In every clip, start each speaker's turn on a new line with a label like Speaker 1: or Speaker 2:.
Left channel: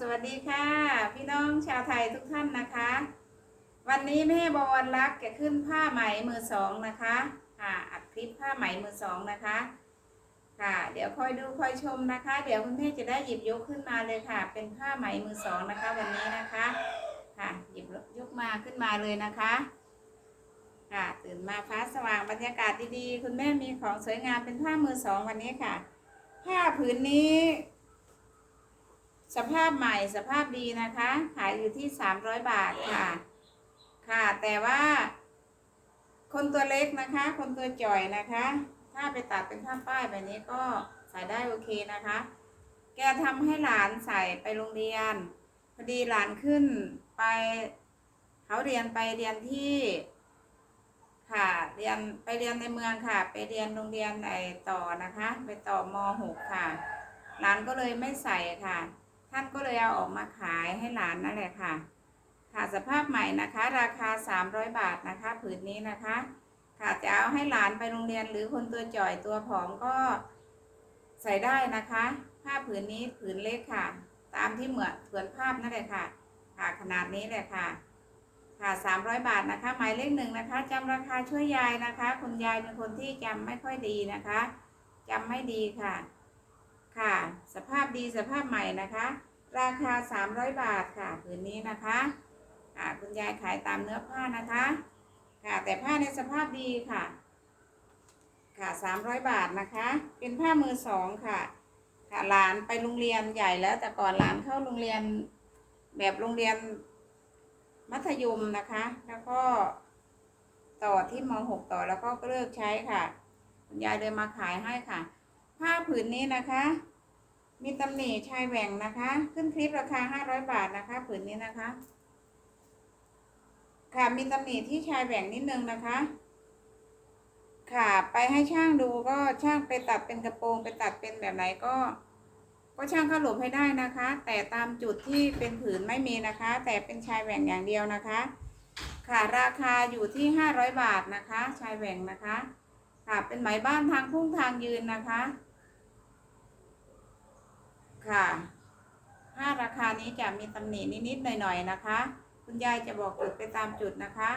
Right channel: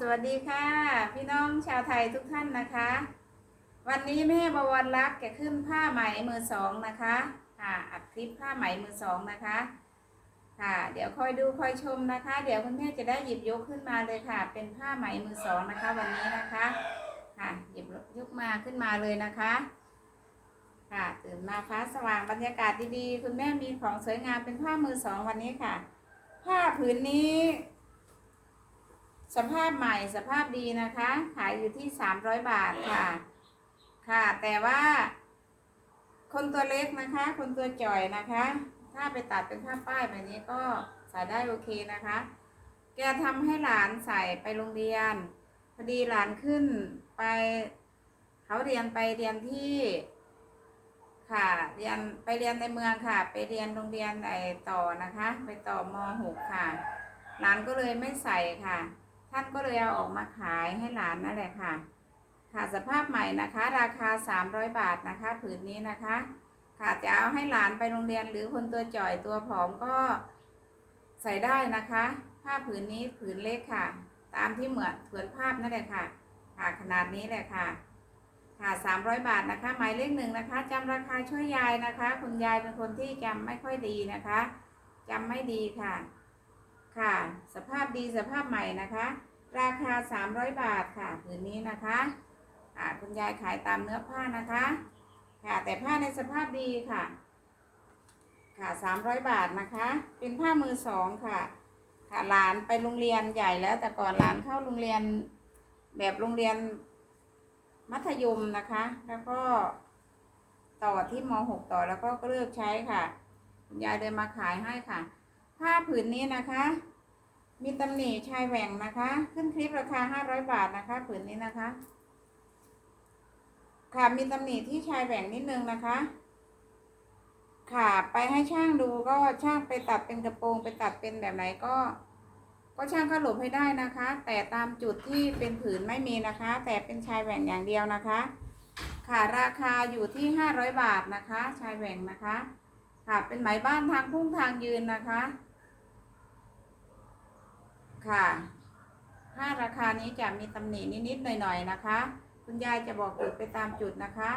Speaker 1: สวัสดีค่ะ พี่น้องชาวไทยทุกท่านนะคะ วันนี้แม่บวรรักษ์จะขึ้นผ้าไหมมือสองนะคะค่ะอัดคลิปผ้าไหมมือสองนะคะ ค่ะ เดี๋ยวคอยดูคอยชมนะคะ เดี๋ยวคุณแม่จะได้หยิบยกขึ้นมาเลยค่ะ เป็นผ้าไหมมือสองนะคะ วันนี้นะคะค่ะหยิบยกมาขึ้นมาเลยนะคะค่ะตื่นมาฟ้าสว่างบรรยากาศดีๆ คุณแม่มีของสวยงามเป็นผ้ามือสองวันนี้ค่ะ ผ้าผืนนี้ สภาพใหม่สภาพดีนะคะ ขายอยู่ที่300บาทค่ะ ค่ะ แต่ว่า คนตัวเล็กนะคะ คนตัวจ่อยนะคะ ถ้าไปตัดเป็นผ้าป้ายแบบนี้ก็ใส่ได้โอเคนะคะ แกทำให้หลานใส่ไปโรงเรียน พอดีหลานขึ้นไปเขาเรียนไปเรียนที่ค่ะ เรียนไปเรียนในเมืองค่ะ ไปเรียนโรงเรียนไอต่อนะคะ ไปต่อม .6 ค่ะ หลานก็เลยไม่ใส่ค่ะ ท่านก็เลยเอาออกมาขายให้หลานนั่นแหละค่ะค่ะสภาพใหม่นะคะ ราคา 300 บาทนะคะ ผืนนี้นะคะ ค่ะจะเอาให้หลานไปโรงเรียนหรือคนตัวจ่อยตัวผอมก็ใส่ได้นะคะผ้าผืนนี้ผืนเล็กค่ะ ตามที่เหมือนเผือนภาพนั่นแหละค่ะ ค่ะขนาดนี้แหละค่ะ ค่ะ 300 บาทนะคะ หมายเลขหนึ่งนะคะจำราคาช่วยยายนะคะ คุณยายเป็นคนที่จำไม่ค่อยดีนะคะจำไม่ดีค่ะ ค่ะ สภาพดีสภาพใหม่นะคะ ราคา 300 บาทค่ะผืนนี้นะคะอ่าคุณยายขายตามเนื้อผ้านะคะ ค่ะแต่ผ้าในสภาพดีค่ะ ค่ะ 300 บาทนะคะ เป็นผ้ามือสองค่ะ ค่ะหลานไปโรงเรียนใหญ่แล้วแต่ก่อนหลานเข้าโรงเรียนแบบโรงเรียนมัธยมนะคะ แล้วก็ต่อที่ม .6 ต่อแล้วก็เลิกใช้ค่ะ คุณยายเดินมาขายให้ค่ะ ผ้าผืนนี้นะคะ มีตำหนิชายแหว่งนะคะ ขึ้นคลิปราคา500บาทนะคะ ผืนนี้นะคะ ค่ะมีตำหนิที่ชายแหว่งนิดนึงนะคะ ค่ะไปให้ช่างดูก็ช่างไปตัดเป็นกระโปรงไปตัดเป็นแบบไหนก็ ก็ช่างก็หลบให้ได้นะคะ แต่ตามจุดที่เป็นผืนไม่มีนะคะ แต่เป็นชายแหว่งอย่างเดียวนะคะ ค่ะราคาอยู่ที่500บาทนะคะ ชายแหว่งนะคะค่ะเป็นไหมบ้านทางพุ่งทางยืนนะคะ ค่ะถ้าราคานี้จะมีตำหนินิดๆหน่อยๆนะคะ คุณยายจะบอกจุดไปตามจุดนะคะ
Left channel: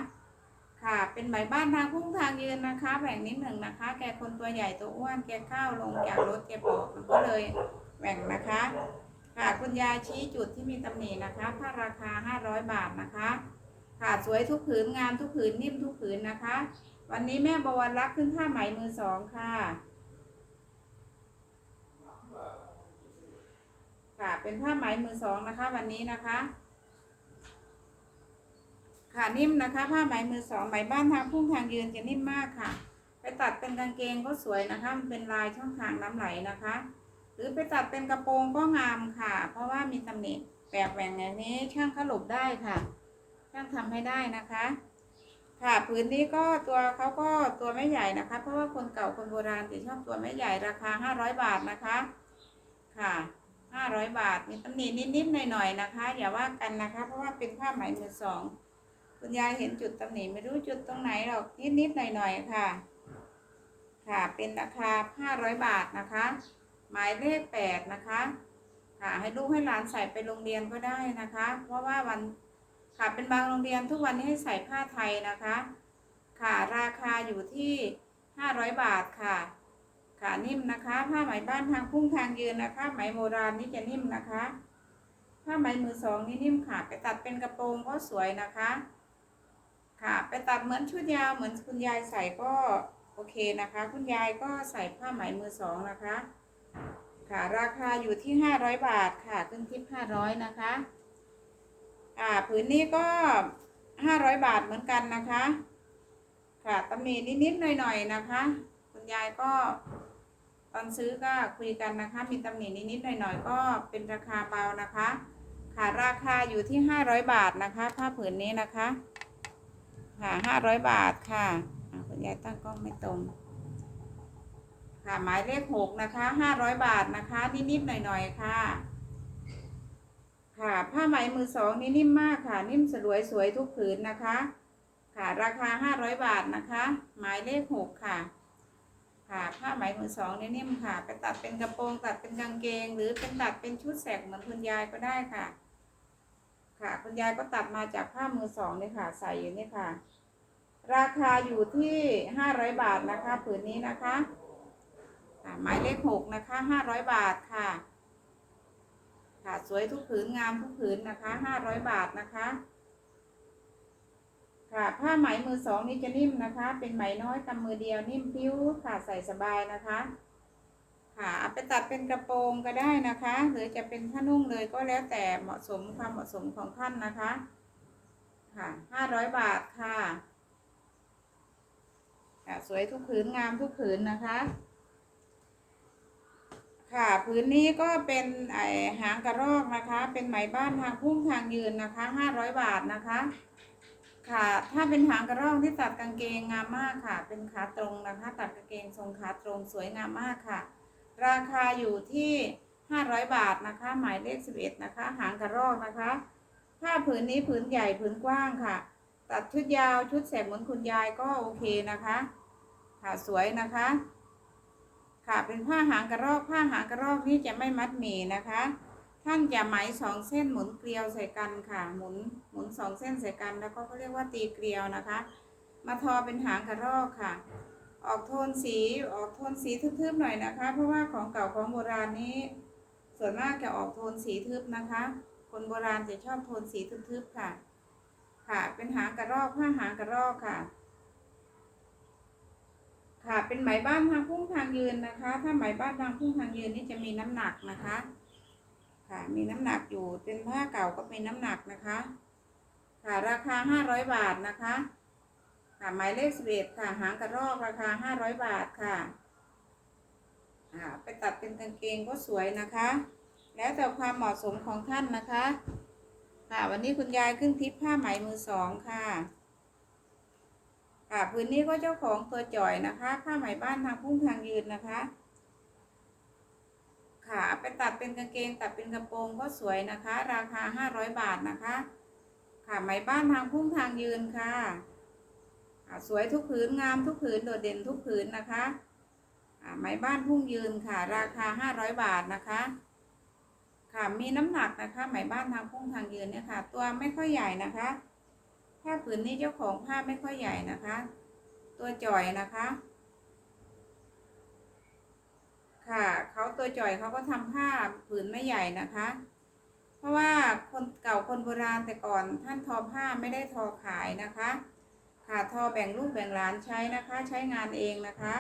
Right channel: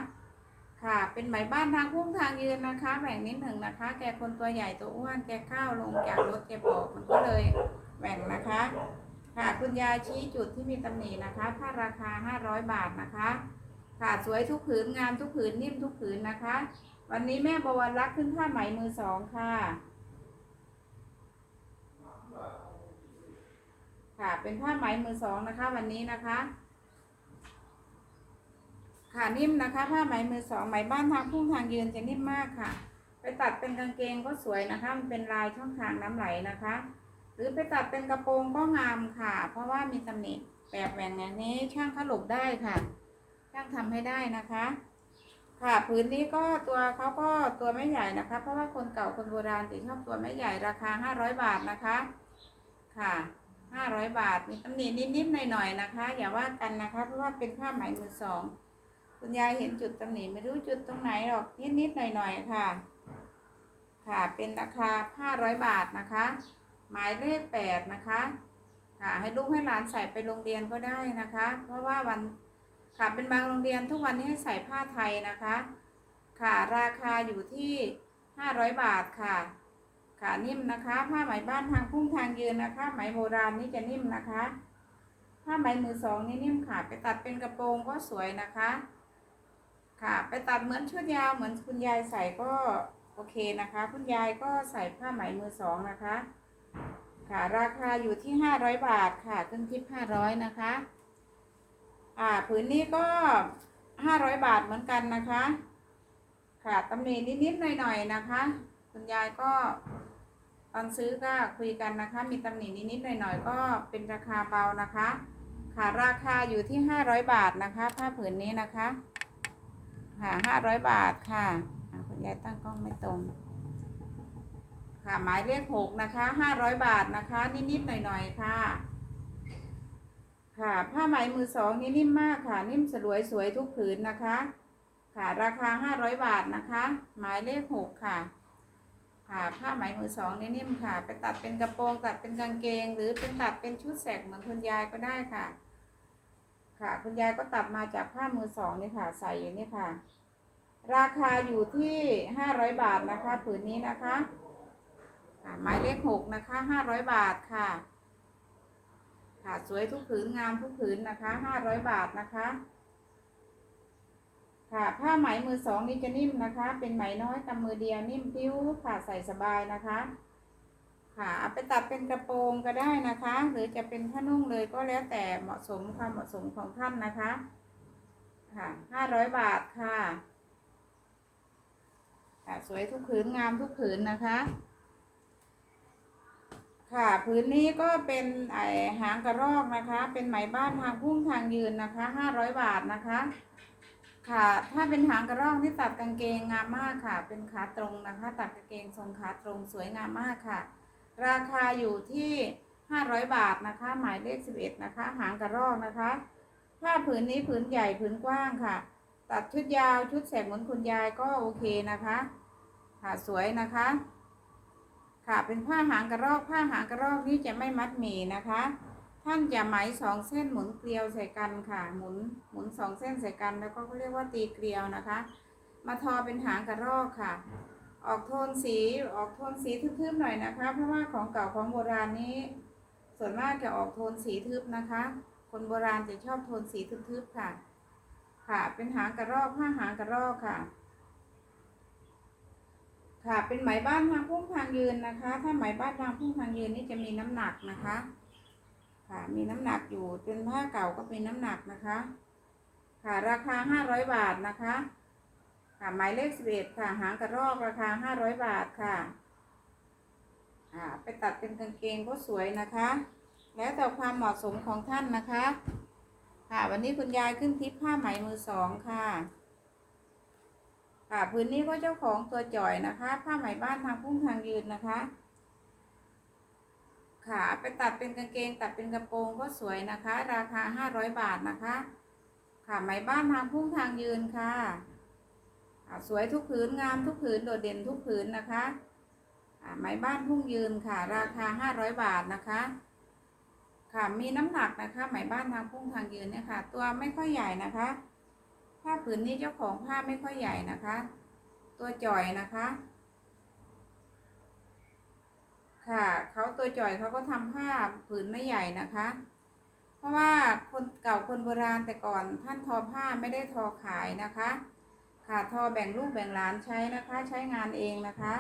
Speaker 1: ค่ะเป็นไหมบ้านทางพุ่งทางยืนนะคะแบ่งนิดหนึ่งนะคะ แกคนตัวใหญ่ตัวอ้วนแกข้าวลงจากรถแกบอกมันก็เลยแบ่งนะคะ ค่ะคุณยายชี้จุดที่มีตำหนินะคะผ้าราคา 500 บาทนะคะค่ะสวยทุกผืนงานทุกผืนนิ่มทุกผืนนะคะ วันนี้แม่บวรรักขึ้นผ้าไหมมือสองค่ะ ค่ะ เป็นผ้าไหมมือสองนะคะ วันนี้นะคะ ค่ะนิ่มนะคะ ผ้าไหมมือสองไหมบ้านทางพุ่งทางยืนจะนิ่มมากค่ะ ไปตัดเป็นกางเกงก็สวยนะคะ มันเป็นลายช่องทางน้ำไหลนะคะ หรือไปตัดเป็นกระโปรงก็งามค่ะ เพราะว่ามีตำหนิแปลกแหวงอย่างนี้ช่างขลุบได้ค่ะช่างทำให้ได้นะคะค่ะผืนนี้ก็ตัวเขาก็ตัวไม่ใหญ่นะคะ เพราะว่าคนเก่าคนโบราณจะชอบตัวไม่ใหญ่ราคา 500 บาทนะคะ ค่ะ 500บาท มีตำหนินิดๆหน่อยๆนะคะ อย่าว่ากันนะคะ เพราะว่าเป็นผ้าไหมมือสอง คุณยายเห็นจุดตำหนิไม่รู้จุดตรงไหนหรอกนิดๆหน่อยๆค่ะ ค่ะ เป็นราคา500บาทนะคะ หมายเลข8นะคะค่ะให้ลูกให้หลานใส่ไปโรงเรียนก็ได้นะคะ เพราะว่าวันค่ะเป็นบางโรงเรียนทุกวันนี้ให้ใส่ผ้าไทยนะคะ ค่ะราคาอยู่ที่500บาทค่ะ ค่ะนิ่มนะคะ ผ้าไหมบ้านทางพุ่งทางยืนนะคะ ไหมโบราณนี่จะนิ่มนะคะ ผ้าไหมมือสองนี่นิ่มค่ะ ไปตัดเป็นกระโปรงก็สวยนะคะ ค่ะ ไปตัดเหมือนชุดยาวเหมือนคุณยายใส่ก็โอเคนะคะ คุณยายก็ใส่ผ้าไหมมือสองนะคะ ค่ะ ราคาอยู่ที่500บาทค่ะขึ้นทิป500นะคะ อ่าผืนนี้ก็ห้าร้อยบาทเหมือนกันนะคะ ค่ะตำหนินิดๆหน่อยๆนะคะ คุณยายก็ ตอนซื้อก็คุยกันนะคะ มีตำหนินิดๆหน่อยๆ ก็เป็นราคาเบานะคะ ค่ะราคาอยู่ที่ห้าร้อยบาทนะคะผ้าผืนนี้นะคะ ค่ะห้าร้อยบาทค่ะอ่าคุณยายตั้งกล้องไม่ตรง ค่ะหมายเลขหกนะคะห้าร้อยบาทนะคะ นิดๆหน่อยๆค่ะ ค่ะผ้าไหมมือสองนี่นิ่มมากค่ะ นิ่มสลวยสวยทุกผืนนะคะ ค่ะราคา 500 บาทนะคะ หมายเลขหกค่ะ ค่ะผ้าไหมมือสองเนี่นิ่มค่ะ ไปตัดเป็นกระโปรงตัดเป็นกางเกง หรือเป็นตัดเป็นชุดแสกเหมือนคุณยายก็ได้ค่ะ ค่ะ คุณยายก็ตัดมาจากผ้ามือสองนี่ค่ะ ใส่อยู่นี่ค่ะ ราคาอยู่ที่ห้าร้อยบาทนะคะ ผืนนี้นะคะค่ะหมายเลขหกนะคะห้าร้อยบาทค่ะ ค่ะสวยทุกผืนงามทุกผืนนะคะห้าร้อยบาทนะคะ ค่ะ ผ้าไหมมือสองนี่จะนิ่มนะคะ เป็นไหมน้อยกำมือเดียวนิ่มพิ้วค่ะใส่สบายนะคะ ค่ะเอาไปตัดเป็นกระโปรงก็ได้นะคะ หรือจะเป็นผ้านุ่งเลยก็แล้วแต่เหมาะสมความเหมาะสมของท่านนะคะ ค่ะห้าร้อยบาทค่ะค่ะสวยทุกผืนงามทุกผืนนะคะ ค่ะผืนนี้ก็เป็นไอหางกระรอกนะคะ เป็นไหมบ้านทางพุ่งทางยืนนะคะห้าร้อยบาทนะคะ ค่ะถ้าเป็นหางกระรอกที่ตัดกางเกงงามมากค่ะ เป็นขาตรงนะคะ ตัดกางเกงทรงขาตรงสวยงามมากค่ะ ราคาอยู่ที่ห้าร้อยบาทนะคะ หมายเลขสิบเอ็ดนะคะ หางกระรอกนะคะผ้าผืนนี้ผืนใหญ่ผืนกว้างค่ะ ตัดชุดยาวชุดแสกเหมือนคุณยายก็โอเคนะคะค่ะสวยนะคะ ค่ะเป็นผ้าหางกระรอกผ้าหางกระรอกนี่จะไม่มัดหมี่นะคะ ท่านจะไหมสองเส้นหมุนเกลียวใส่กันค่ะ หมุนหมุนสองเส้นใส่กัน แล้วก็เขาเรียกว่าตีเกลียวนะคะ มาทอเป็นหางกระรอกค่ะ ออกโทนสีออกโทนสีทึบๆหน่อยนะคะ เพราะว่าของเก่าของโบราณนี้ ส่วนมากจะออกโทนสีทึบนะคะ คนโบราณจะชอบโทนสีทึบๆค่ะ ค่ะเป็นหางกระรอกผ้าหางกระรอกค่ะค่ะ เป็นไหมบ้านทางพุ่งทางยืนนะคะ ถ้าไหมบ้านทางพุ่งทางยืนนี่จะมีน้ำหนักนะคะ ค่ะมีน้ำหนักอยู่เป็นผ้าเก่าก็เป็นน้ำหนักนะคะ ค่ะราคาห้าร้อยบาทนะคะค่ะหมายเลขสิบเอ็ดค่ะ หางกระรอกราคาห้าร้อยบาทค่ะอ่าไปตัดเป็นกางเกงก็สวยนะคะ แล้วแต่ความเหมาะสมของท่านนะคะ ค่ะวันนี้คุณยายขึ้นทิปผ้าไหมมือสองค่ะ ค่ะพื้นนี้ก็เจ้าของตัวจ่อยนะคะ ผ้าไหมบ้านทางพุ่งทางยืนนะคะ ค่ะเอาไปตัดเป็นกางเกงตัดเป็นกระโปรงก็สวยนะคะ ราคาห้าร้อยบาทนะคะ ค่ะไหมบ้านทางพุ่งทางยืนค่ะสวยทุกผืนงามทุกผืนโดดเด่นทุกผืนนะคะอ่าไหมบ้านพุ่งยืนค่ะ ราคาห้าร้อยบาทนะคะ ค่ะมีน้ำหนักนะคะ ไหมบ้านทางพุ่งทางยืนเนี่ยค่ะ ตัวไม่ค่อยใหญ่นะคะผ้าผืนนี้เจ้าของผ้าไม่ค่อยใหญ่นะคะ ตัวจ่อยนะคะ ค่ะเขาตัวจ่อยเขาก็ทำผ้าผืนไม่ใหญ่นะคะ เพราะว่าคนเก่าคนโบราณแต่ก่อนท่านทอผ้าไม่ได้ทอขายนะคะ ค่ะทอแบ่งลูกแบ่งหลานใช้นะคะ ใช้งานเองนะคะ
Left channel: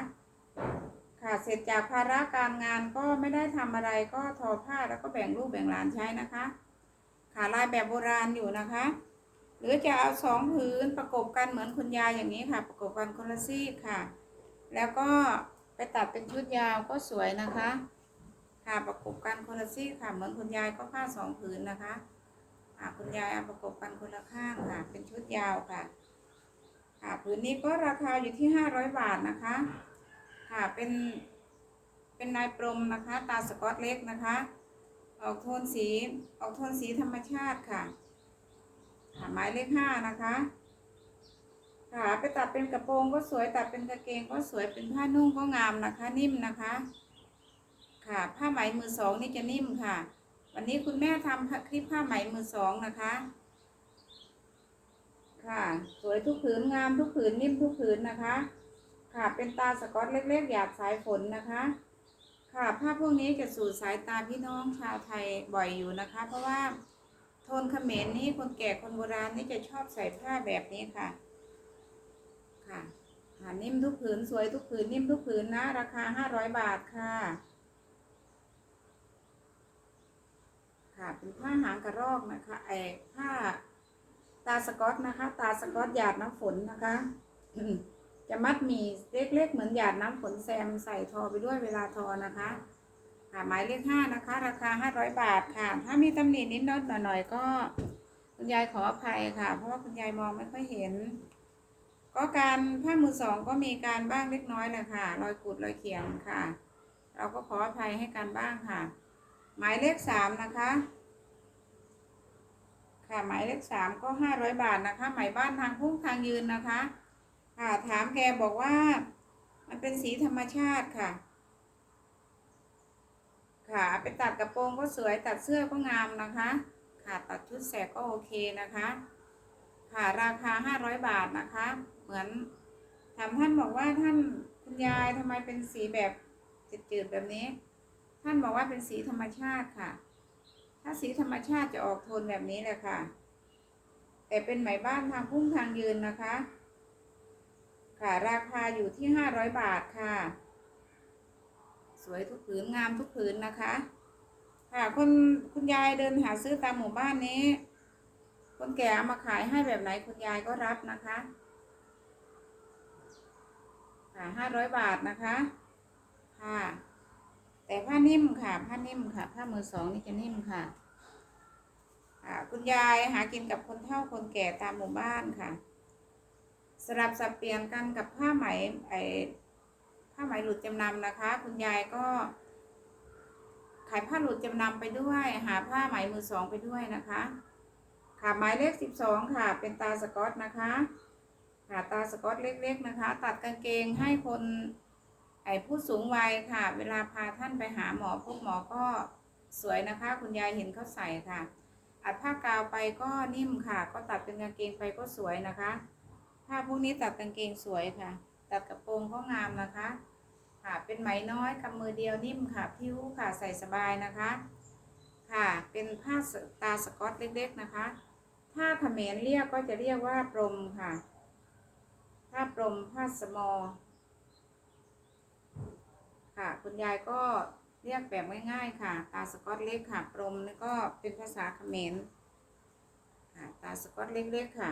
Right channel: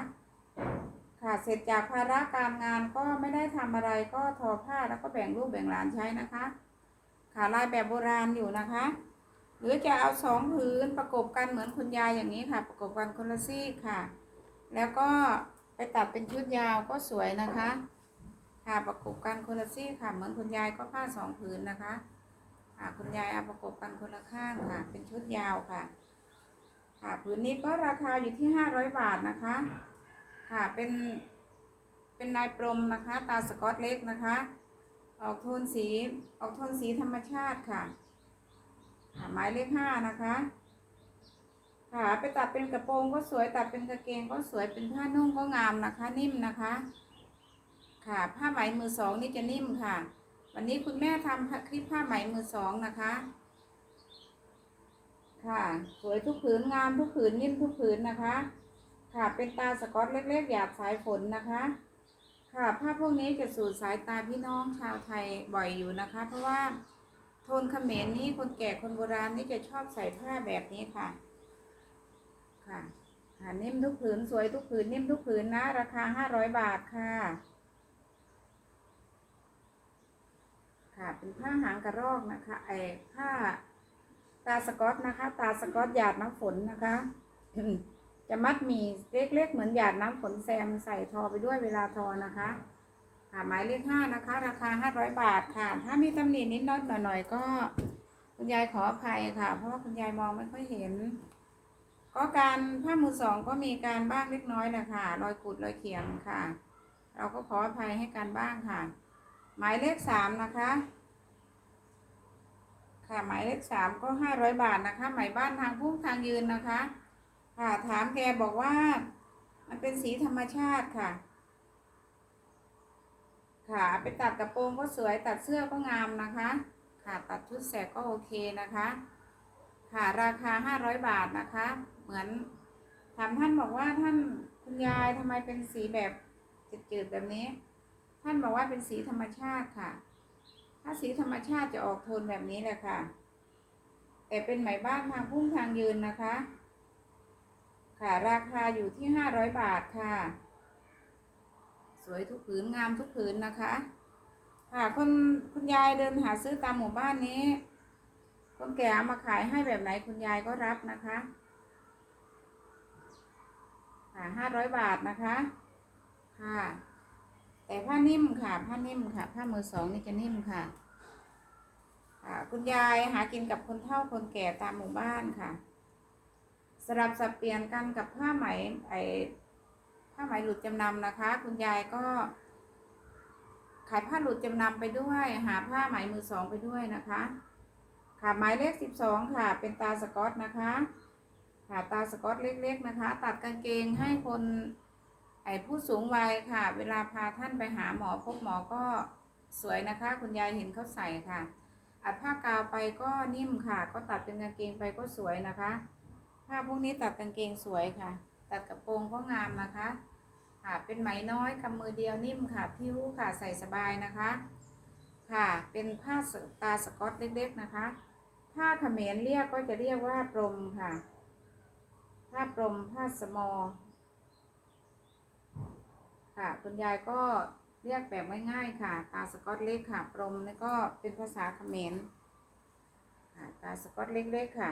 Speaker 1: ค่ะเสร็จจากภาระการงานก็ไม่ได้ทำอะไรก็ทอผ้าแล้วก็แบ่งลูกแบ่งหลานใช้นะคะ ค่ะลายแบบโบราณอยู่นะคะ หรือจะเอาสองผืนประกบกันเหมือนคุณยายอย่างนี้ค่ะ ประกบกันคนละซีกค่ะ แล้วก็ ไปตัดเป็นชุดยาวก็สวยนะคะ ค่ะประกบกันคนละซี่ค่ะ เหมือนคุณยายก็ผ้าสองผืนนะคะค่ะคุณยายเอาประกบกันคนละข้างค่ะ เป็นชุดยาวค่ะ ค่ะผืนนี้ก็ราคาอยู่ที่ห้าร้อยบาทนะคะ ค่ะเป็นเป็นลายปรมนะคะ ตาสกอตเล็กนะคะ ออกโทนสีออกโทนสีธรรมชาติค่ะค่ะหมายเลขห้านะคะ ค่ะไปตัดเป็นกระโปรงก็สวยตัดเป็นกางเกงก็สวยเป็นผ้านุ่งก็งามนะคะ นิ่มนะคะ ค่ะผ้าไหมมือสองนี่จะนิ่มค่ะ วันนี้คุณแม่ทำคลิปผ้าไหมมือสองนะคะ ค่ะ สวยทุกผืนงามทุกผืนนิ่มทุกผืนนะคะ ค่ะเป็นตาสกอตเล็กๆ หยาดสายฝนนะคะ ค่ะผ้าพวกนี้จะสู่สายตาพี่น้องชาวไทยบ่อยอยู่นะคะ เพราะว่าโทนเขมรนี่คนแก่คนโบราณนี่จะชอบใส่ผ้าแบบนี้ค่ะ ค่ะค่ะนิ่มทุกผืนสวยทุกผืนนิ่มทุกผืนนะ ราคาห้าร้อยบาทค่ะ ค่ะเป็นผ้าหางกระรอกนะคะไอ้ผ้าตาสกอตนะคะ ตาสกอตหยาดน้ำฝนนะคะจะมัดมีเล็กๆเหมือนหยาดน้ำฝนแซมใส่ทอไปด้วยเวลาทอนะคะค่ะหมายเลขห้านะคะ ราคาห้าร้อยบาทค่ะ ถ้ามีตำหนินิดน้อยหน่อยๆก็ คุณยายขออภัยค่ะ เพราะว่าคุณยายมองไม่ค่อยเห็น ก็การผ้ามือสองก็มีการบ้างเล็กน้อยแหละค่ะรอยขูดรอยเขียงค่ะ เราก็ขออภัยให้การบ้างค่ะ หมายเลขสามนะคะ ค่ะหมายเลขสามก็ห้าร้อยบาทนะคะ หมายบ้านทางพุ่งทางยืนนะคะ ค่ะถามแกบอกว่า มันเป็นสีธรรมชาติค่ะ ค่ะไปตัดกระโปรงก็สวยตัดเสื้อก็งามนะคะ ค่ะตัดชุดแสกก็โอเคนะคะค่ะราคาห้าร้อยบาทนะคะ เหมือนถามท่านบอกว่าท่านคุณยายทำไมเป็นสีแบบจืดๆแบบนี้ ท่านบอกว่าเป็นสีธรรมชาติค่ะ ถ้าสีธรรมชาติจะออกโทนแบบนี้แหละค่ะ แต่เป็นไหมบ้านทางพุ่งทางยืนนะคะ ค่ะราคาอยู่ที่ห้าร้อยบาทค่ะ สวยทุกผืนงามทุกผืนนะคะ ค่ะคุณคุณยายเดินหาซื้อตามหมู่บ้านนี้คนแก่เอามาขายให้แบบไหนคุณยายก็รับนะคะ ค่ะห้าร้อยบาทนะคะ ค่ะ แต่ผ้านิ่มค่ะ ผ้านิ่มค่ะ ผ้ามือสองนี่จะนิ่มค่ะ ค่ะ คุณยายหากินกับคนเฒ่าคนแก่ตามหมู่บ้านค่ะ สลับสับเปลี่ยนกันกับผ้าไหมไอผ้าไหมหลุดจำนำนะคะ คุณยายก็ ขายผ้าหลุดจำนำไปด้วย หาผ้าไหมมือสองไปด้วยนะคะค่ะหมายเลขสิบสองค่ะ เป็นตาสกอตนะคะ ค่ะตาสกอตเล็ก ๆ นะคะ ตัดกางเกงให้คนไอ้ผู้สูงวัยค่ะ เวลาพาท่านไปหาหมอพบหมอก็สวยนะคะ คุณยายเห็นเขาใส่ค่ะ อัดผ้ากาวไปก็นิ่มค่ะ ก็ตัดเป็นกางเกงไปก็สวยนะคะผ้าพวกนี้ตัดกางเกงสวยค่ะ ตัดกระโปรงก็งามนะคะ ค่ะเป็นไหมน้อยกำมือเดียวนิ่มค่ะพิ้วค่ะใส่สบายนะคะ ค่ะเป็นผ้าตาสกอตเล็กๆนะคะ ถ้าเขมรเรียกก็จะเรียกว่าปรมค่ะ ผ้าปรมผ้าสมอ ค่ะ คุณยายก็เรียกแบบง่ายๆค่ะ ตาสกอตเล็กค่ะปรมนี่ก็เป็นภาษาเขมรค่ะตาสกอตเล็กๆค่ะ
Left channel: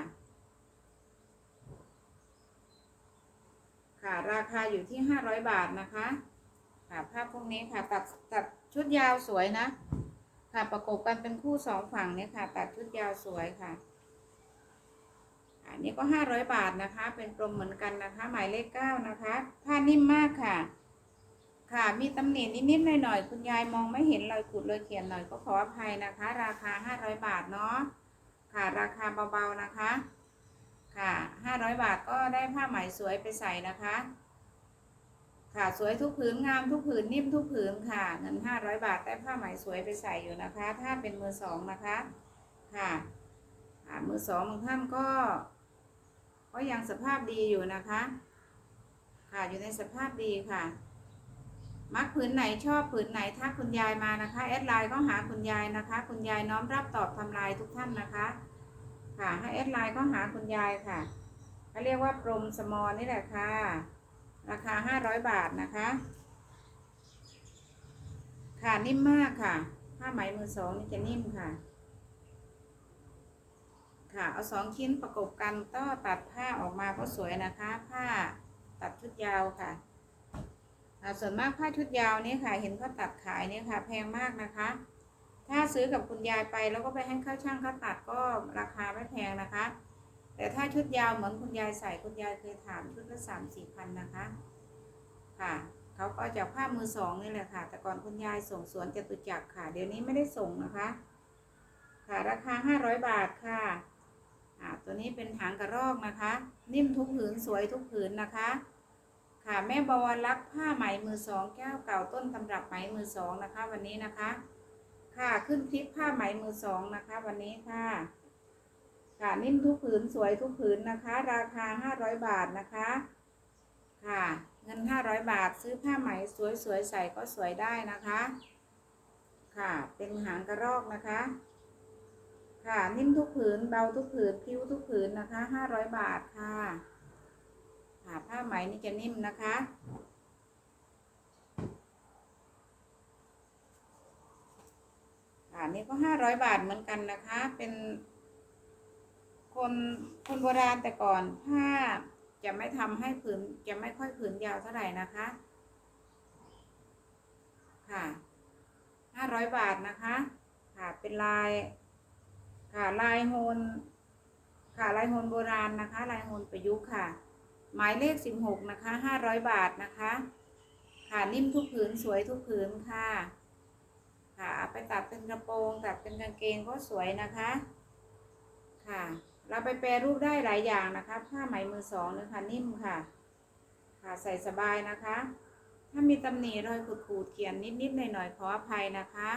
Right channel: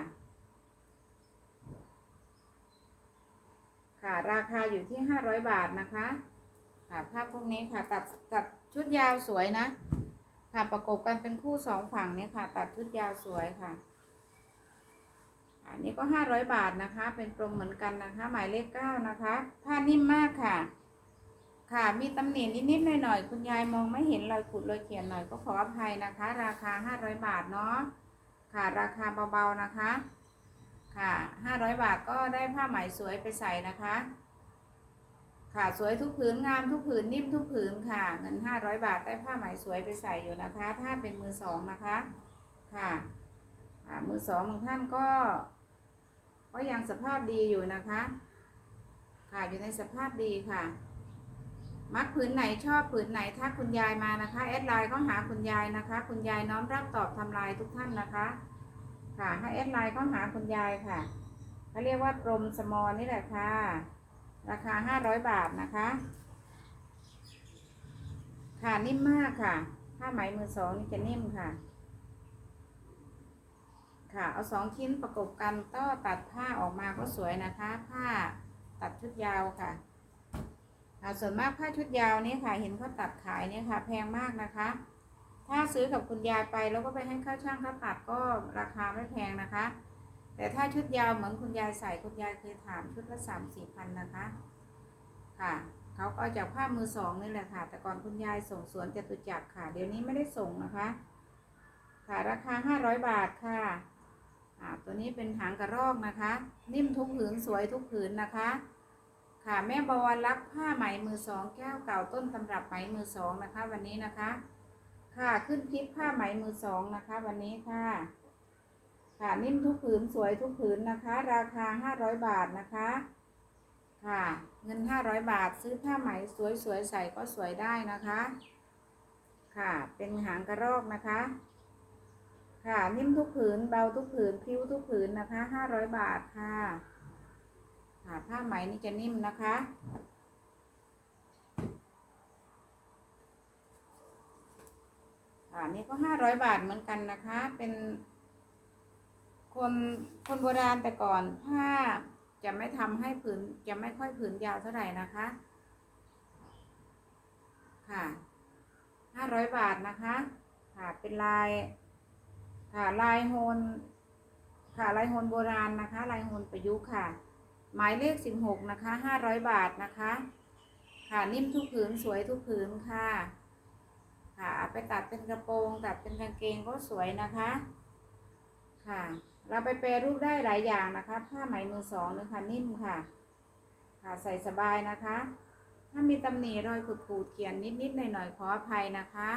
Speaker 1: ค่ะ ราคาอยู่ที่ห้าร้อยบาทนะคะ ค่ะผ้าพวกนี้ค่ะ ตัดตัดชุดยาวสวยนะ ค่ะประกบกันเป็นคู่สองฝั่งเนี่ยค่ะ ตัดชุดยาวสวยค่ะ อันนี้ก็ห้าร้อยบาทนะคะ เป็นกลมเหมือนกันนะคะ หมายเลขเก้านะคะ ผ้านิ่มมากค่ะ ค่ะมีตำหนินิดๆหน่อยๆคุณยายมองไม่เห็นรอยขูดรอยเขียนหน่อยก็ขออภัยนะคะ ราคาห้าร้อยบาทเนาะค่ะราคาเบาๆนะคะ ค่ะห้าร้อยบาทก็ได้ผ้าไหมสวยไปใส่นะคะ ค่ะสวยทุกผืนงามทุกผืนนิ่มทุกผืนค่ะ เงินห้าร้อยบาทได้ผ้าไหมสวยไปใส่อยู่นะคะ ถ้าเป็นมือสองนะคะ ค่ะค่ะมือสองบางท่านก็ ก็ยังสภาพดีอยู่นะคะ ค่ะอยู่ในสภาพดีค่ะ มักผืนไหนชอบผืนไหนถ้าคุณยายมานะคะแอดไลน์ก็หาคุณยายนะคะ คุณยายน้อมรับตอบทำลายทุกท่านนะคะ ค่ะให้แอดไลน์ก็หาคุณยายค่ะเขาเรียกว่าปรมสมอนี่แหละค่ะ ราคาห้าร้อยบาทนะคะ ค่ะนิ่มมากค่ะผ้าไหมมือสองนี่จะนิ่มค่ะ ค่ะ เอาสองชิ้นประกบกันก็ตัดผ้าออกมาก็สวยนะคะ ผ้าตัดชุดยาวค่ะส่วนมากผ้าชุดยาวนี่ค่ะเห็นเขาตัดขายนี่ค่ะ แพงมากนะคะ ถ้าซื้อกับคุณยายไปแล้วก็ไปให้เข้าช่างเขาตัดก็ราคาไม่แพงนะคะ แต่ถ้าชุดยาวเหมือนคุณยายใส่คุณยายเคยถามชุดละสามสี่พันนะคะค่ะเขาก็จากผ้ามือสองนี่แหละค่ะ แต่ก่อนคุณยายส่งสวนจตุจักรค่ะ เดี๋ยวนี้ไม่ได้ส่งนะคะ ค่ะราคาห้าร้อยบาทค่ะ่าตัวนี้เป็นหางกระรอกนะคะ นิ่มทุกผืนสวยทุกผืนนะคะ ค่ะแม่บวรรักผ้าไหมมือสองแก้วเก่าต้นตำรับไหมมือสองนะคะ วันนี้นะคะ ค่ะขึ้นคลิปผ้าไหมมือสองนะคะ วันนี้ค่ะ ค่ะนิ่มทุกผืนสวยทุกผืนนะคะ ราคาห้าร้อยบาทนะคะ ค่ะ เงินห้าร้อยบาทซื้อผ้าไหมสวยๆใส่ก็สวยได้นะคะ ค่ะเป็นหางกระรอกนะคะ ค่ะ นิ่มทุกผืนเบาทุกผืนพิ้วทุกผืนนะคะห้าร้อยบาทค่ะค่ะผ้าไหมนี่จะนิ่มนะคะค่ะนี่ก็ห้าร้อยบาทเหมือนกันนะคะ เป็น คนคนโบราณแต่ก่อนผ้าจะไม่ทำให้ผืนจะไม่ค่อยผืนยาวเท่าไหร่นะคะ ค่ะห้าร้อยบาทนะคะ ค่ะเป็นลาย ค่ะลายโฮนค่ะลายโฮนโบราณนะคะ ลายโฮนประยุกต์ค่ะ หมายเลขสิบหกนะคะห้าร้อยบาทนะคะ ค่ะนิ่มทุกผืนสวยทุกผืนค่ะ ค่ะเอาไปตัดเป็นกระโปรงตัดเป็นกางเกงก็สวยนะคะ ค่ะ เราไปแปรรูปได้หลายอย่างนะคะ ผ้าไหมมือสองนะคะนิ่มค่ะ ค่ะใส่สบายนะคะ ถ้ามีตำหนิรอยขูดขูดๆเขียนนิดๆหน่อยๆขออภัยนะคะ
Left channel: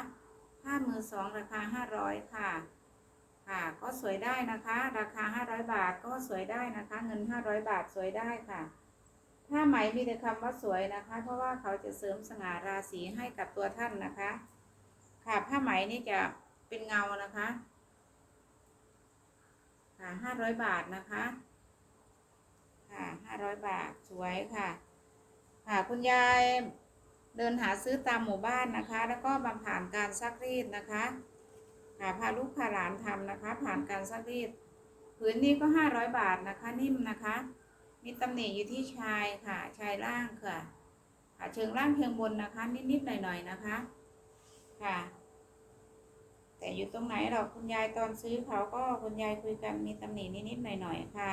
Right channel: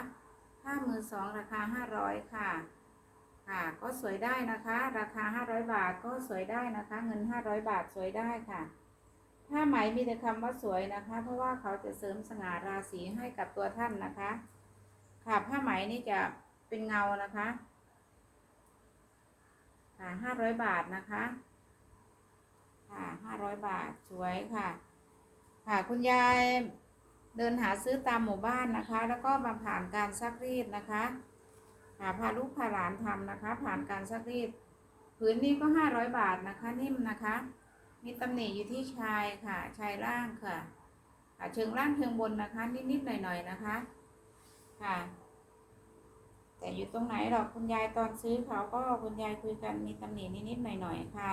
Speaker 1: ผ้ามือสองราคาห้าร้อยค่ะ ค่ะ ก็สวยได้นะคะ ราคาห้าร้อยบาทก็สวยได้นะคะ เงินห้าร้อยบาทสวยได้ค่ะผ้าไหมมีแต่คำว่าสวยนะคะ เพราะว่าเขาจะเสริมสง่าราศีให้กับตัวท่านนะคะ ค่ะผ้าไหมนี่จะเป็นเงานะคะค่ะห้าร้อยบาทนะคะ ค่ะห้าร้อยบาทสวยค่ะ ค่ะคุณยายเดินหาซื้อตามหมู่บ้านนะคะ แล้วก็มาผ่านการซักรีดนะคะ พาลูกพาหลานทำนะคะ ผ่านการซักรีดผืนนี้ก็ห้าร้อยบาทนะคะ นิ่มนะคะ มีตำหนิอยู่ที่ชายค่ะชายล่างค่ะค่ะเชิงล่างเชิงบนนะคะ นิดๆหน่อยๆนะคะ ค่ะ แต่อยู่ตรงไหนหรอกคุณยายตอนซื้อเขาก็คุณยายคุยกันมีตำหนินิดๆหน่อยๆค่ะ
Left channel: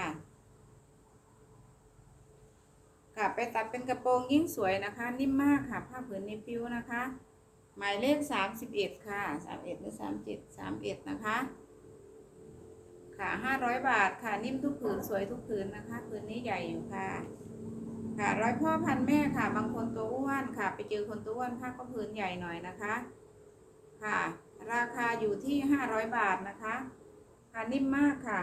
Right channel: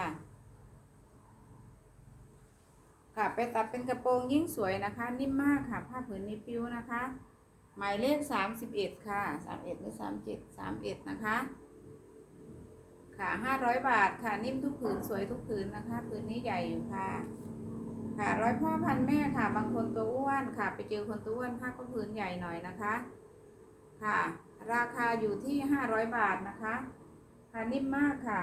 Speaker 1: ค่ะไปตัดเป็นกระโปรงยิ่งสวยนะคะ นิ่มมากค่ะ ผ้าผืนนี้ปิ้วนะคะ หมายเลขสามสิบเอ็ดค่ะสามเอ็ดหรือสามเจ็ดสามเอ็ดนะคะ ค่ะห้าร้อยบาทค่ะนิ่มทุกผืนสวยทุกผืนนะคะผืนนี้ใหญ่อยู่ค่ะ ค่ะร้อยพ่อพันแม่ค่ะ บางคนตัวอ้วนค่ะ ไปเจอคนตัวอ้วนผ้าก็ผืนใหญ่หน่อยนะคะ ค่ะ ราคาอยู่ที่ห้าร้อยบาทนะคะ ค่ะนิ่มมากค่ะ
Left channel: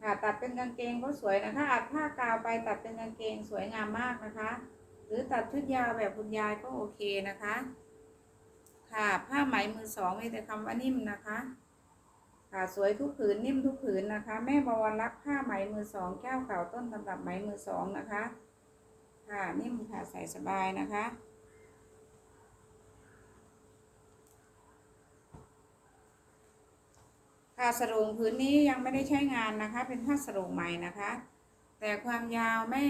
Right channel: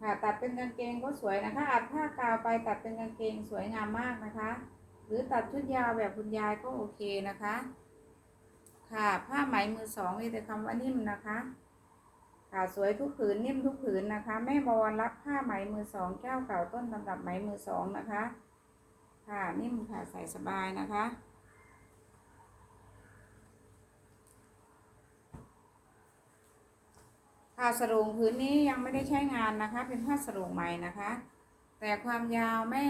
Speaker 1: ค่ะตัดเป็นกางเกงก็สวยนะคะอัดผ้ากาวไปตัดเป็นกางเกงสวยงามมากนะคะ หรือตัดชุดยาวแบบคุณยายก็โอเคนะคะ ค่ะผ้าไหมมือสองมีแต่คำว่านิ่มนะคะค่ะสวยทุกผืนนิ่มทุกผืนนะคะ แม่บวรรักผ้าไหมมือสองแก้วเก่าต้นตำรับไหมมือสองนะคะ ค่ะนิ่มค่ะใส่สบายนะคะผ้าสรงพื้นนี้ยังไม่ได้ใช้งานนะคะ เป็นผ้าสรงใหม่นะคะ แต่ความยาวแม่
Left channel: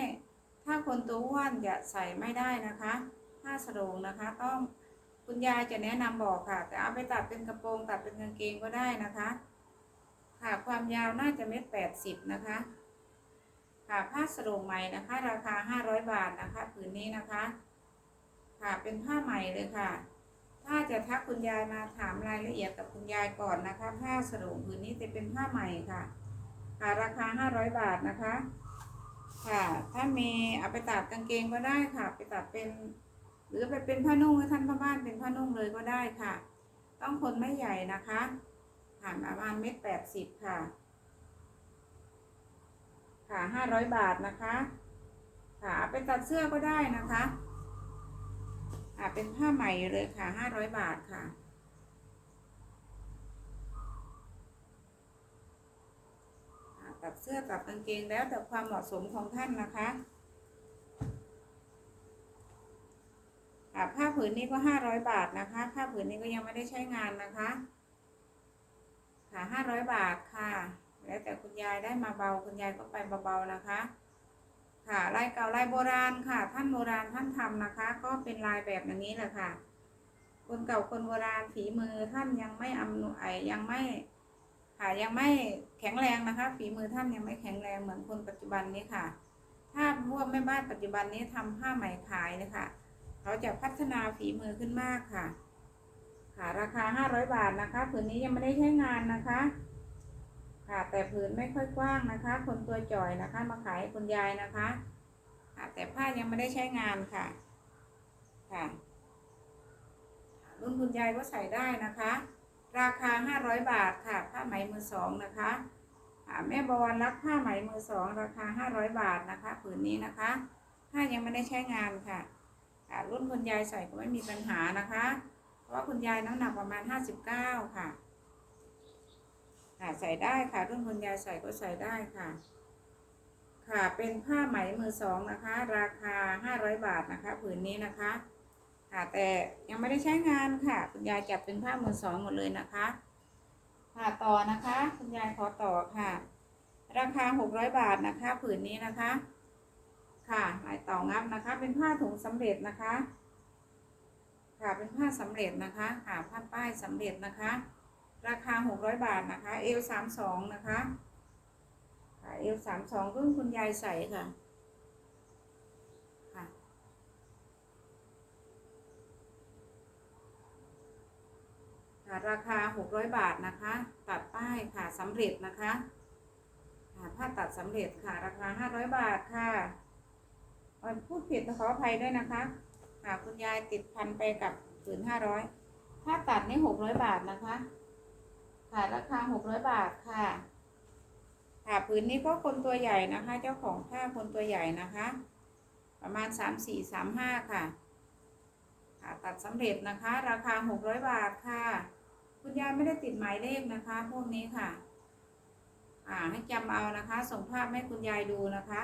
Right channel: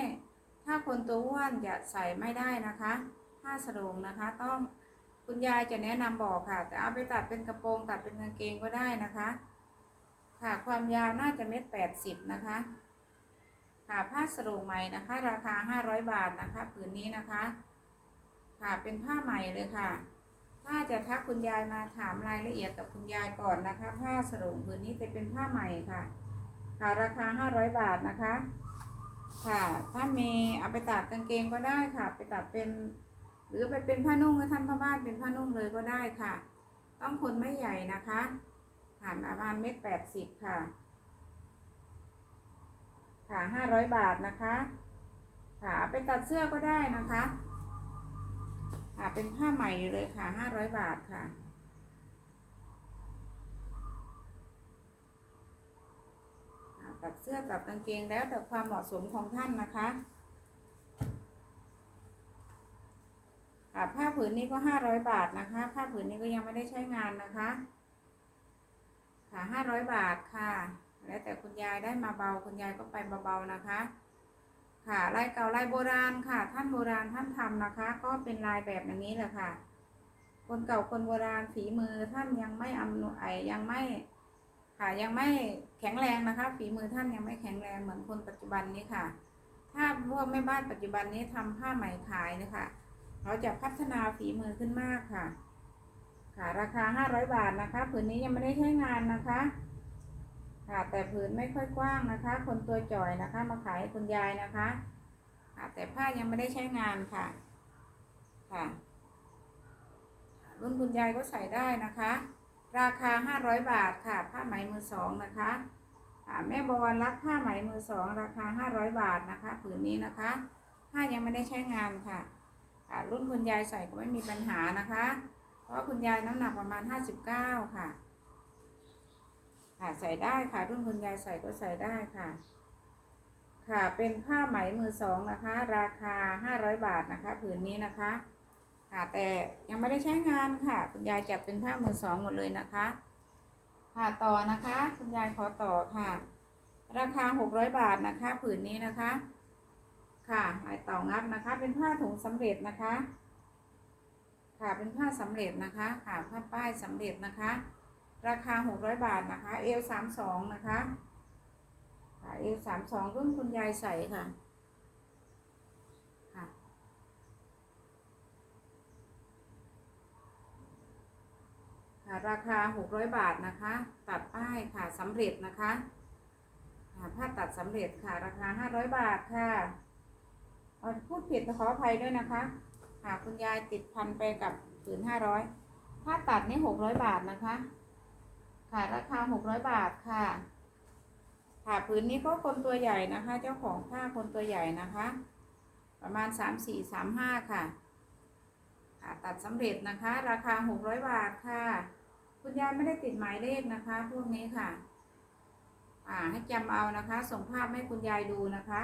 Speaker 1: ถ้าคนตัวอ้วนจะใส่ไม่ได้นะคะผ้าสรงนะคะ ต้องคุณยายจะแนะนำบอกค่ะแต่เอาไปตัดเป็นกระโปรงตัดเป็นกางเกงก็ได้นะคะ ค่ะความยาวน่าจะเม็ดแปดสิบนะคะ ค่ะผ้าสรงใหม่นะคะ ราคาห้าร้อยบาทนะคะผืนนี้นะคะ ค่ะเป็นผ้าใหม่เลยค่ะ ถ้าจะทักคุณยายมาถามรายละเอียดกับคุณยายก่อนนะคะ ผ้าสรงผืนนี้จะเป็นผ้าใหม่ค่ะ ค่ะราคาห้าร้อยบาทนะคะ ค่ะ ถ้ามีเอาไปตัดกางเกงก็ได้ค่ะ ไปตัดเป็น หรือไปเป็นผ้านุ่งให้ท่านพ่อบ้านเป็นผ้านุ่งเลยก็ได้ค่ะ ต้องคนไม่ใหญ่นะคะผ่านประมาณเม็ดแปดสิบค่ะ ค่ะห้าร้อยบาทนะคะ ค่ะเอาไปตัดเสื้อก็ได้นะคะค่ะเป็นผ้าใหม่เลยค่ะห้าร้อยบาทค่ะ ตัดเสื้อตัดกางเกงแล้วแต่ความเหมาะสมของท่านนะคะผ้าผืนนี้ก็ห้าร้อยบาทนะคะ ผ้าผืนนี้ก็ยังไม่ได้ใช้งานนะคะค่ะห้าร้อยบาทค่ะ แล้วแต่คุณยายได้มาเบาคุณยายก็ไปเบาๆนะคะ ค่ะลายเก่าลายโบราณค่ะ ท่านโบราณท่านทำนะคะ ก็เป็นลายแบบอย่างนี้แหละค่ะ คนเก่าคนโบราณฝีมือท่านยังไม่อำนวยยังไม่ค่ะยังไม่ ข็งแรงนะคะ ฝีมือท่านยังไม่แข็งแรงเหมือนคนปัจจุบันนี้ค่ะ ถ้าพวกแม่บ้านปัจจุบันนี้ทำผ้าไหมขายนะคะเขาจะพัฒนาฝีมือขึ้นมากค่ะ ค่ะราคาห้าร้อยบาทนะคะผืนนี้ยังไม่ได้ใช้งานนะคะ ค่ะแต่ผืนไม่ค่อยกว้างนะคะ คนตัวจ่อยนะคะ มาขายคุณยายนะคะค่ะแต่ผ้ายังไม่ได้ใช้งานค่ะ ค่ะ รุ่นคุณยายก็ใส่ได้นะคะ ราคาห้าร้อยบาทค่ะ ผ้าไหมมือสองนะคะแม่บวรรักผ้าไหมมือสองราคาห้าร้อยบาทนะคะผืนนี้นะคะผ้ายังไม่ได้ใช้งานค่ะรุ่นคุณยายใส่ก็ไม่มีปัญหานะคะ เพราะว่าคุณยายน้ำหนักประมาณห้าสิบเก้าค่ะใส่ได้ค่ะ รุ่นคุณยายใส่ก็ใส่ได้ค่ะ ค่ะเป็นผ้าไหมมือสองนะคะ ราคาห้าร้อยบาทนะคะ ผืนนี้นะคะ ค่ะ แต่ยังไม่ได้ใช้งานค่ะ คุณยายจัดเป็นผ้ามือสองหมดเลยนะคะ ค่ะต่อนะคะ คุณยายขอต่อค่ะ ราคาหกร้อยบาทนะคะ ผืนนี้นะคะ ค่ะลายต่างับนะคะ เป็นผ้าถุงสำเร็จนะคะ ค่ะเป็นผ้าสำเร็จนะคะค่ะผ้าป้ายสำเร็จนะคะ ราคาหกร้อยบาทนะคะ เอลสามสองนะคะค่ะเอลสามสองรุ่นคุณยายใส่ค่ะ ค่ะราคา 600 บาทนะคะ ตัดป้ายค่ะสำเร็จนะคะผ้าตัดสำเร็จค่ะ ราคาห้าร้อยบาทค่ะพูดผิดขออภัยด้วยนะคะค่ะคุณยายติดพันไปกับผืนห้าร้อยผ้าตัดนี่หกร้อยบาทนะคะ ค่ะราคาหกร้อยบาทค่ะค่ะผืนนี้ก็คนตัวใหญ่นะคะ เจ้าของผ้าคนตัวใหญ่นะคะ ประมาณสามสี่สามห้าค่ะ ค่ะ ตัดสำเร็จนะคะ ราคาหกร้อยบาทค่ะ คุณยายไม่ได้ติดหมายเลขนะคะ พวกนี้ค่ะ อ่า ให้จำเอานะคะ ส่งภาพให้คุณยายดูนะคะ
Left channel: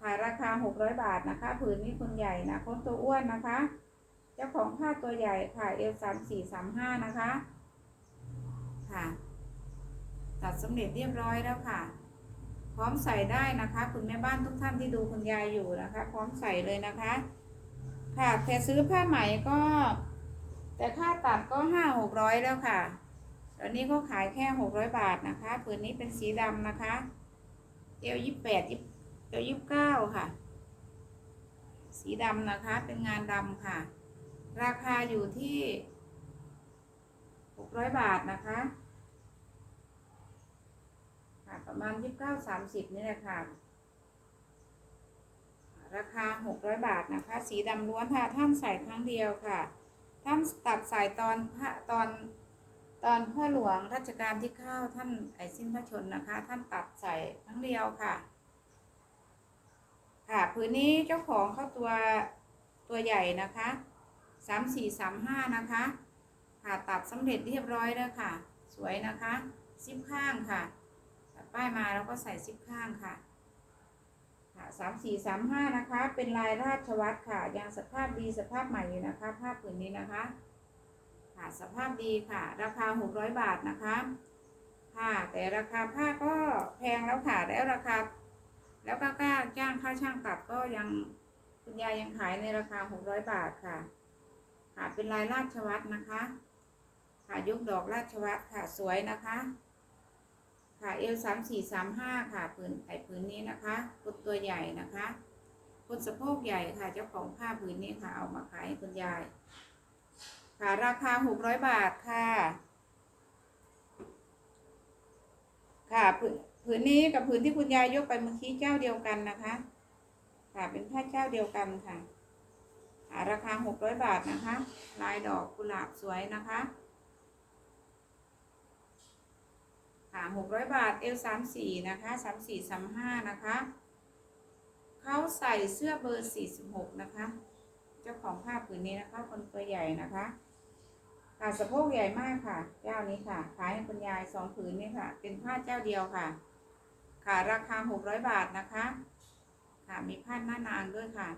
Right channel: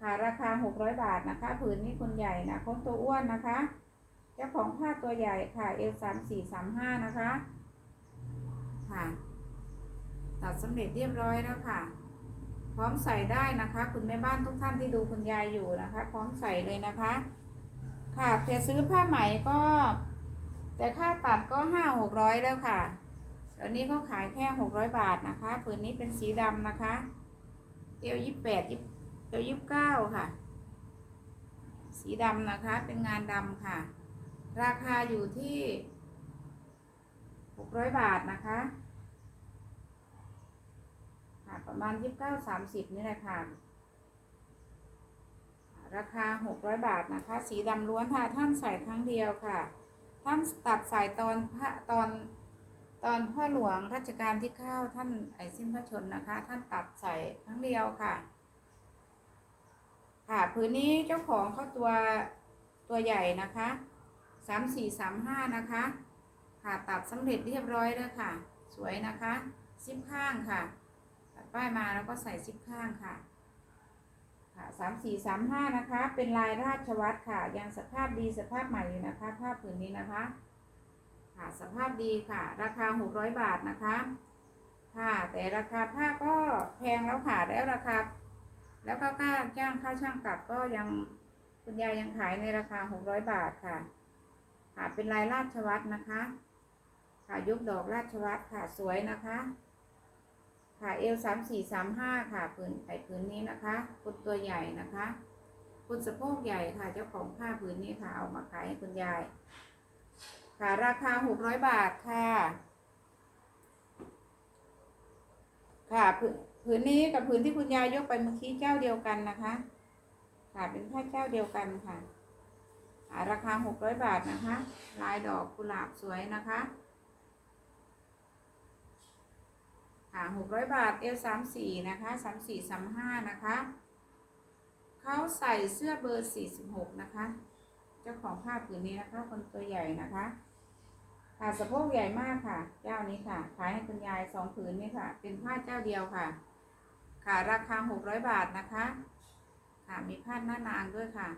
Speaker 1: ค่ะราคาหกร้อยบาทนะคะ ผืนนี้คุณใหญ่นะคนตัวอ้วนนะคะ เจ้าของผ้าตัวใหญ่ค่ะเอลสามสี่สามห้านะคะ ค่ะ ตัดสำเร็จเรียบร้อยแล้วค่ะ พร้อมใส่ได้นะคะ คุณแม่บ้านทุกท่านที่ดูคุณยายอยู่นะคะ พร้อมใส่เลยนะคะ ค่ะแต่ซื้อผ้าไหมก็ แต่ค่าตัดก็ห้าหกร้อยแล้วค่ะตอนนี้ก็ขายแค่หกร้อยบาทนะคะผืนนี้เป็นสีดำนะคะเอวยี่แปดยี่เอวยี่เก้าค่ะ สีดำนะคะเป็นงานดำค่ะ ราคาอยู่ที่หกร้อยบาทนะคะค่ะประมาณยี่สิบเก้าสามสิบนี่แหละค่ะราคาหกร้อยบาทนะคะ สีดำล้วนค่ะ ท่านใส่ครั้งเดียวค่ะ ท่านตัดสายตอนพระตอนตอนพ่อหลวงรัชกาลที่เก้าท่านไอสิ้นพระชนนะคะ ท่านตัดใส่ครั้งเดียวค่ะ ค่ะผืนนี้เจ้าของเขาตัวตัวใหญ่นะคะสามสี่สามห้านะคะ ค่ะตัดสำเร็จเรียบร้อยแล้วค่ะ สวยนะคะ ซิปข้างค่ะตัดป้ายมาแล้วก็ใส่ซิปข้างค่ะ ค่ะสามสี่สามห้านะคะ เป็นลายราชวัตรค่ะ ยังสภาพดีสภาพใหม่อยู่นะคะ ผ้าผืนนี้นะคะ ค่ะสภาพดีค่ะ ราคาหกร้อยบาทนะคะ ค่ะ แต่ราคาผ้าก็แพงแล้วค่ะ แล้วราคา แล้วก็ค่าจ้างค่าช่างตัดก็ยังคุณยายยังขายในราคาหกร้อยบาทค่ะ ค่ะ เป็นลายราชวัตรนะคะ ค่ะยกดอกราชวัตรค่ะ สวยนะคะ ค่ะเอลสามสี่สามห้าค่ะผืนไอผืนนี้นะคะคุณตัวใหญ่นะคะคุณสะโพกใหญ่ค่ะ เจ้าของผ้าผืนนี้ค่ะ เอามาขายให้คุณยาย ค่ะราคาหกร้อยบาทค่ะ ค่ะผืนผืนนี้กับผืนที่คุณยายยกไปเมื่อกี้เจ้าเดียวกันนะคะ ค่ะเป็นผ้าเจ้าเดียวกันค่ะราคาหกร้อยบาทนะคะ ลายดอกกุหลาบสวยนะคะ ค่ะหกร้อยบาทเอลสามสี่นะคะสามสี่สามห้านะคะเขาใส่เสื้อเบอร์สี่สิบหกนะคะ เจ้าของผ้าผืนนี้นะคะ คนตัวใหญ่นะคะค่ะสะโพกใหญ่มากค่ะ เจ้านี้ค่ะ ขายให้คุณยายสองผืนนี่ค่ะ เป็นผ้าเจ้าเดียวค่ะ ค่ะราคาหกร้อยบาทนะคะ ค่ะมีผ้าหน้านางด้วยค่ะ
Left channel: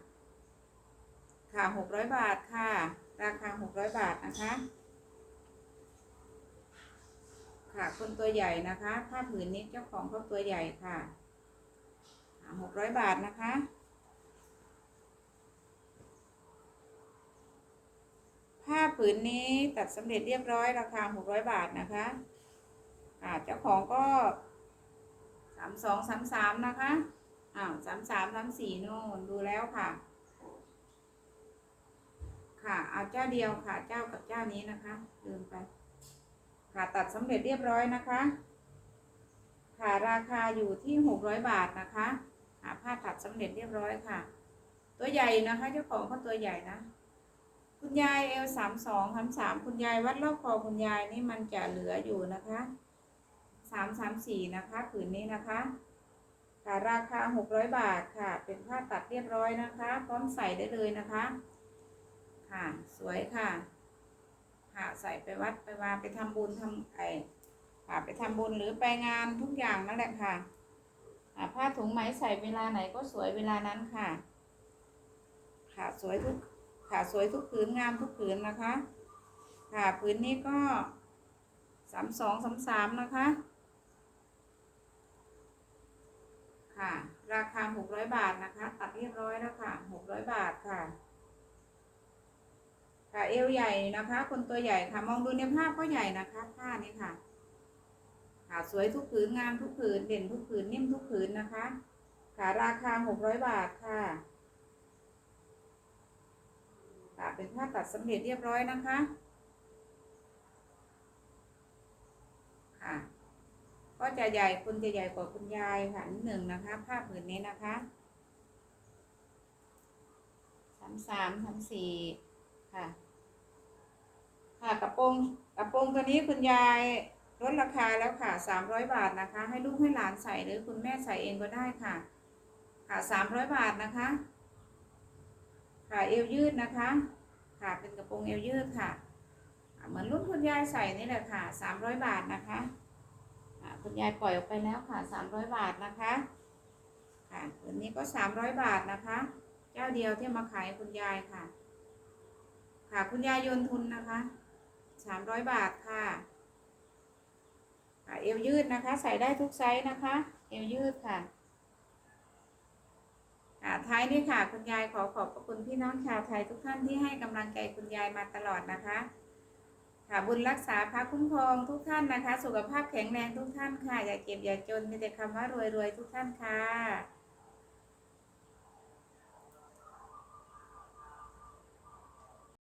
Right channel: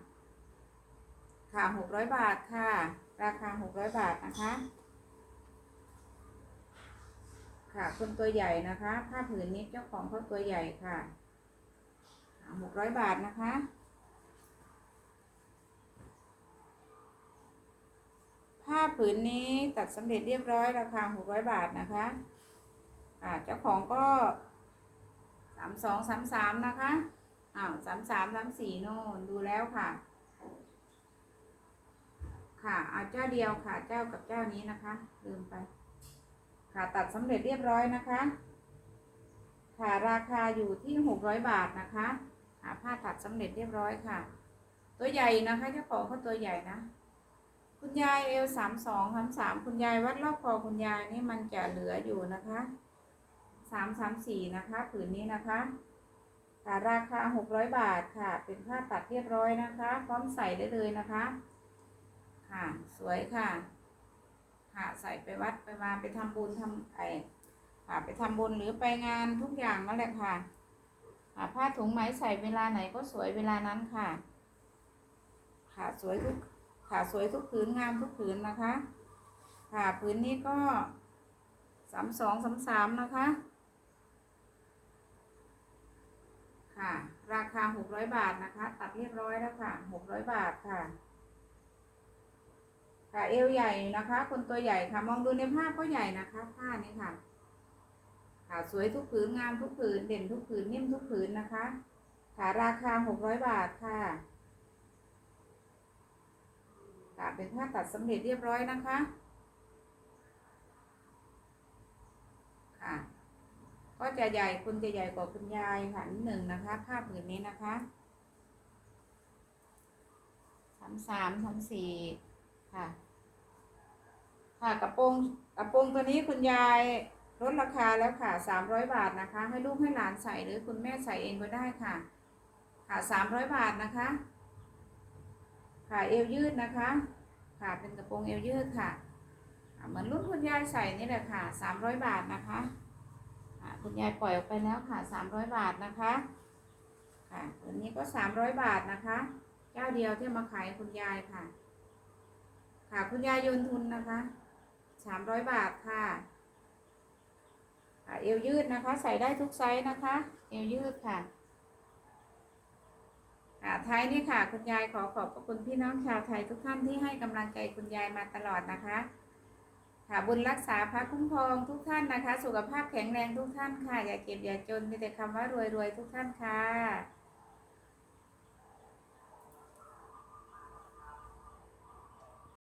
Speaker 1: ค่ะหกร้อยบาทค่ะ ราคาหกร้อยบาทนะคะ ค่ะ คนตัวใหญ่นะคะผ้าผืนนี้เจ้าของเขาตัวใหญ่ค่ะหกร้อยบาทนะคะผ้าผืนนี้ตัดสำเร็จเรียบร้อยราคาหกร้อยบาทนะคะอ่าเจ้าของก็สามสองสามสามนะคะอ้าวสามสามสามสี่นู่นดูแล้วค่ะ ค่ะเอาเจ้าเดียวค่ะเจ้ากับเจ้านี้นะคะ ลืมไป ค่ะตัดสำเร็จเรียบร้อยนะคะค่ะราคาอยู่ที่หกร้อยบาทนะคะหาผ้าตัดสำเร็จเรียบร้อยค่ะ ตัวใหญ่นะคะเจ้าของเขาตัวใหญ่นะ คุณยายเอลสามสองสามสามคุณยายวัดรอบคอคุณยายนี่มันจะเหลืออยู่นะคะสามสามสี่นะคะผืนนี้นะคะค่ะราคาหกร้อยบาทค่ะ เป็นผ้าตัดเรียบร้อยนะคะ พร้อมใส่ได้เลยนะคะ ค่ะ สวยค่ะ ค่ะใส่ไปวัดไปวาไปทำบุญทำไอค่ะไปทำบุญหรือไปงานทุกอย่างนั่นแหละค่ะค่ะผ้าถุงไหมใส่เวลาไหนก็สวยเวลานั้นค่ะค่ะสวยทุกค่ะสวยทุกผืนงามทุกผืนนะคะ ค่ะผืนนี้ก็สามสองสามสามนะคะ ค่ะ ราคาหกร้อยบาทนะคะ ตัดเรียบร้อยแล้วค่ะหกร้อยบาทค่ะ ค่ะเอวใหญ่นะคะ คนตัวใหญ่ค่ะ มองดูในภาพก็ใหญ่นะคะผ้านี้ค่ะ ค่ะสวยทุกผืนงามทุกผืนเด่นทุกผืนนิ่มทุกผืนนะคะ ค่ะราคาหกร้อยบาทค่ะค่ะเป็นผ้าตัดสำเร็จเรียบร้อยนะคะค่ะก็จะใหญ่คุณจะใหญ่กว่าคุณยายค่ะนิดหนึ่งนะคะผ้าผืนนี้นะคะสามสามสามสี่ค่ะ ค่ะกระโปรงกระโปรงตัวนี้คุณยายลดราคาแล้วค่ะสามร้อยบาทนะคะ ให้ลูกให้หลานใส่หรือคุณแม่ใส่เองก็ได้ค่ะ ค่ะสามร้อยบาทนะคะ ค่ะเอวยืดนะคะ ค่ะเป็นกระโปรงเอวยืดค่ะ เหมือนรุ่นคุณยายใส่นี่แหละค่ะสามร้อยบาทนะคะอ่าคุณยายปล่อยออกไปแล้วค่ะสามร้อยบาทนะคะค่ะตัวนี้ก็สามร้อยบาทนะคะเจ้าเดียวที่มาขายคุณยายค่ะ ค่ะคุณยายโยนทุนนะคะ สามร้อยบาทค่ะเอวยืดนะคะ ใส่ได้ทุกไซส์นะคะ เอวยืดค่ะท้ายนี้ค่ะ คุณยายขอขอบพระคุณพี่น้องชาวไทยทุกท่านที่ให้กำลังใจคุณยายมาตลอดนะคะ ค่ะบุญรักษาพระคุ้มครองทุกท่านนะคะ สุขภาพแข็งแรงทุกท่านค่ะ อย่าเจ็บอย่าจนมีแต่คำว่ารวยรวยทุกท่านค่ะ